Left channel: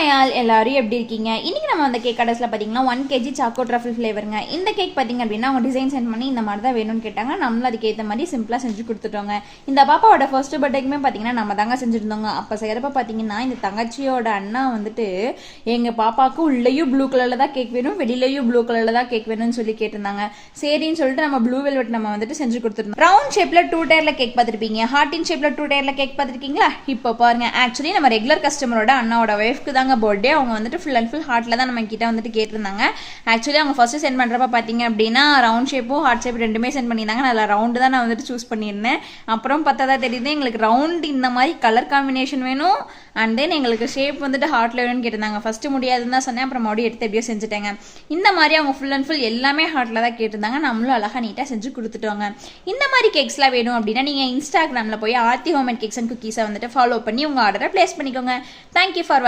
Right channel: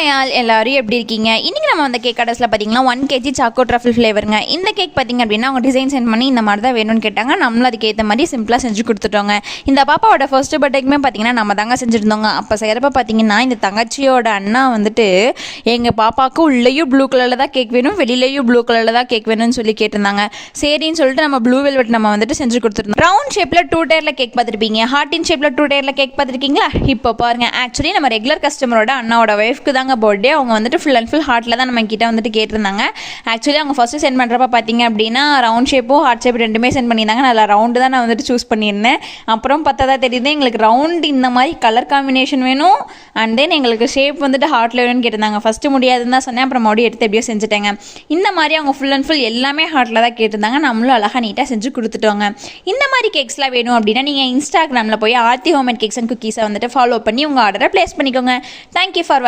Hi all, எல்லாரும் எப்படி இருக்கீங்க? இன்றைக்கி நம்ம அந்த கேக் கடைசில் பார்த்தீங்கன்னா 1 kg சாக்கோ ட்ரஃபிள் ஃப்ளேவருங்க. இந்த கேக் பார்த்திங்க அப்படின்னா அவங்க டிசைன் சென்ட் பண்ணி இந்த மாதிரி தான் வேணும்னு கேட்டாங்க. நம்மளும் அதுக்கு ஏற்ற மாதிரி சிம்பிளாக செஞ்சு கொடுத்துட்டோங்க. இந்த பாப்பாவோட ஃபர்ஸ்ட் பர்த்டேக்குமே பார்த்திங்கன்னா நம்ம தாங்க செஞ்சுருந்தோங்க. அப்போ செய்கிறப்ப பார்த்திங்கன்னா இந்த தங்கச்சியோட அண்ணா வந்துட்டு எங்கள் பாப்பாவுக்கு உள்ளேயும் ப்ளூ கலரில் தான் கேக் வேணும், வெளியிலையும் ப்ளூ கலரில் தான் கேக் வேணும்னு சொல்லி கேட்டிருந்தாங்க. சரின்னு சொல்லிட்டு நம்ம ப்ளூ வெல்வெட் நம்ம வந்துட்டு செஞ்சு கொடுத்துருந்தோம். ரவுண்ட் ஷேப்பில் 2 டயரில் கேக் பார்த்துருப்பீங்க, ஹார்டின் ஷேப்பில் 2 டயரில் கேக் பார்த்துருக்கீங்களா? இப்போ பாருங்கள், ஆக்சுவலி நம்ம ரெகுலர் கஸ்டமரோட அண்ணாவோட ஒய்ஃப்க்கு தாங்க பர்த்டே. அவங்க வந்துட்டு ஃபுல் அண்ட் ஃபுல் ஹார்ட்டில் தான் நம்ம கிட்ட வந்துட்டு கேட்டிருந்தாங்க. ஆக்சுவலி அவங்க ஃபஸ்ட்டு சென்ட் பண்ணுறப்ப பார்த்தீங்க அப்படின்னா ரவுண்ட் ஷேப்பும் ஹார்ட் ஷேப் ரெண்டுமே சென்ட் பண்ணியிருந்தாங்க. நல்லா ரவுண்டு தான் நான் வந்துட்டு சூஸ் பண்ணியிருந்தேன். அப்புறம் பார்த்தா தெரியுது எங்களுக்கு ரவுண்ட் இந்த மாதிரி கலர் காம்பினேஷன் வேணும், அண்ட் தென் எங்களுக்கு ஷேப் வந்துட்டு ஹார்ட்டில் வேணும்னு கேட்டிருந்தாங்க. ஃபஸ்ட்டு முடியாதுன்னு தான் சொன்னேன், அப்புறம் மறுபடியும் எடுத்து எப்படியோ செஞ்சுட்டேங்க. இந்த மாதிரி அவங்க ஃபுல் அண்ட் ஃபுல் எல்லாமே ஹார்ட்டில் தான் கேட்டிருந்தாங்க. நம்மளும் அழகாக நீட்டாக செஞ்சு கொடுத்துட்டோங்க. இந்த மாதிரி கேக்ஸ்லாம் வேணும் அப்படின்னா நீங்கள் இன்ஸ்டாகிராமில் போய் Aarthi home and cakes and குக்கீஸை வந்துட்டு ஃபாலோ பண்ணி உங்கள் ஆர்டரை ப்ளேஸ் பண்ணிக்கோங்க. Thank you for